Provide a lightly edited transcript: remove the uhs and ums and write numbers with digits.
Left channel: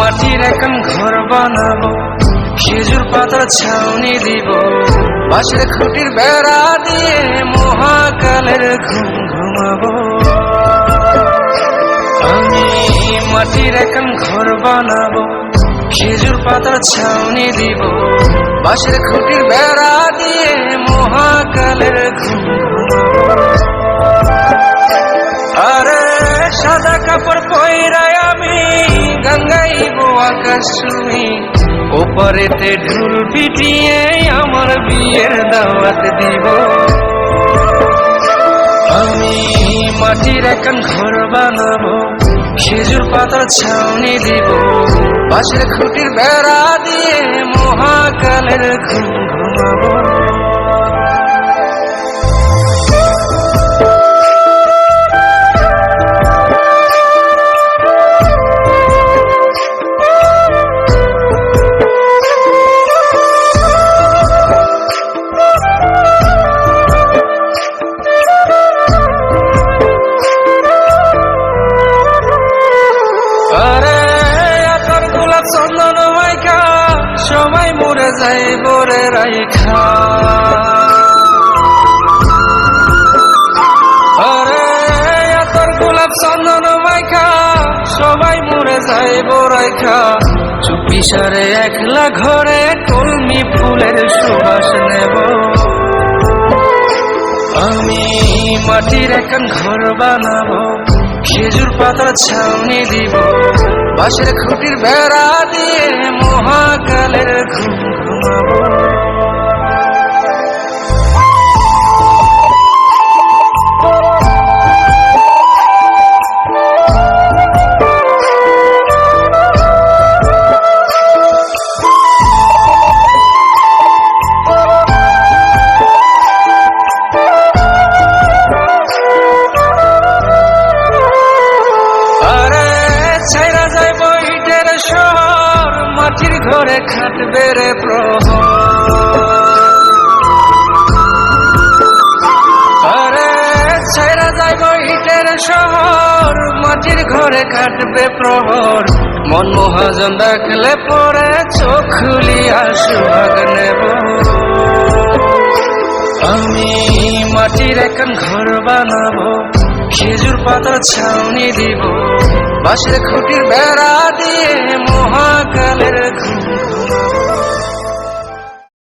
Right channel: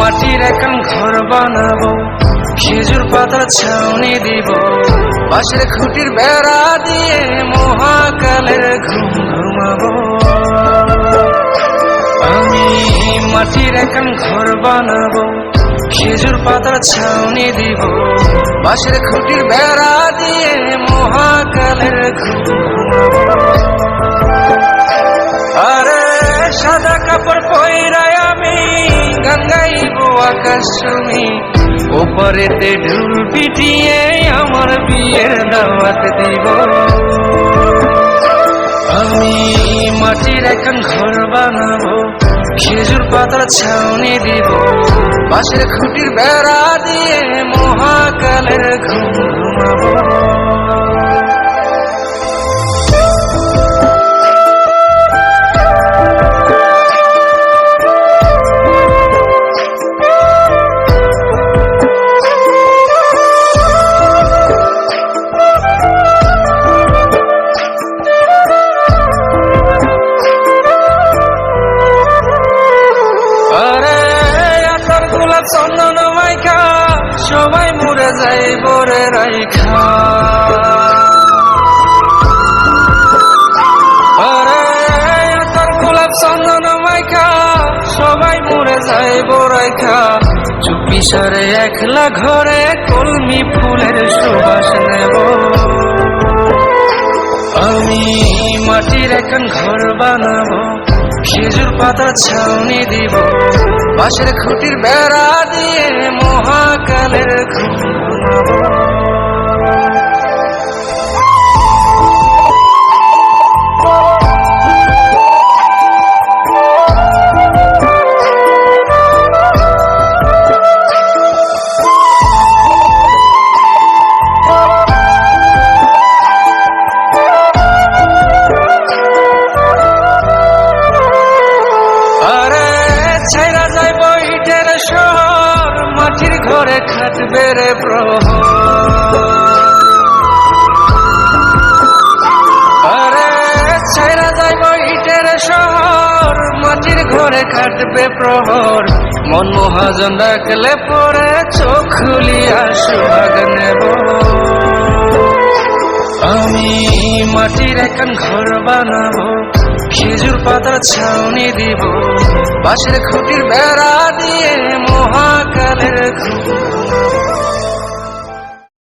মাটির এখন ঘর বানাবো, খেজুর পাতার ছাউনি দিব, বাঁশের খুঁটির বেড়া দিয়ে মহাকালের ঘুম ঘুমাবো। আমি মাটির এখন ঘর বানাবো, খেজুর পাতার ছাউনি দিব, বাঁশের খুঁটির বেড়া দিয়ে মহাকালের ঘুম ঘুমাবো। আরে সাদা কাপড় পয়রায় আমি গান গাইব আকাশ চুমি, ওপারেতে ঢুল পিটিয়ে আমার বিয়ের দাওয়াত দিব। আমি মাটির এখন ঘর বানাবো, খেজুর পাতার ছাউনি দিব, বাঁশের খুঁটির বেড়া দিয়ে মহাকালের ঘুম ঘুমাবো। আরে আতর গোলাপ চন্দন মাইখা সবাই মরে যাইব রে রাইখা। আরে আতর গোলাপ চন্দন মাইখা সবাই মরে যাইব রাইখা, চুপি সারে একলা ঘরে কলমি ফুলের সুবাস নেব। আমি মাটির এখন ঘর বানাবো, খেজুর পাতার ছাউনি দিব, বাঁশের খুঁটির বেড়া দিয়ে মহাকালের ঘুম ঘুমাবো। আরে ছাইরা যাইব ইটের শহর, মাটির ঘরে খাটবে রে প্রহর। আরে ছাইরা যাইব ইটের শহর, মাটির ঘরে খাটবে প্রহর। মন মহাজন ডাকলে পরে চোখ খুলিয়া সুভাগ নেব। আমি মাটির এখন ঘর বানাবো, খেজুর পাতার ছাউনি দিব, বাঁশের খুঁটির বেড়া দিয়ে মহাকালের ঘুম ঘুমাবো।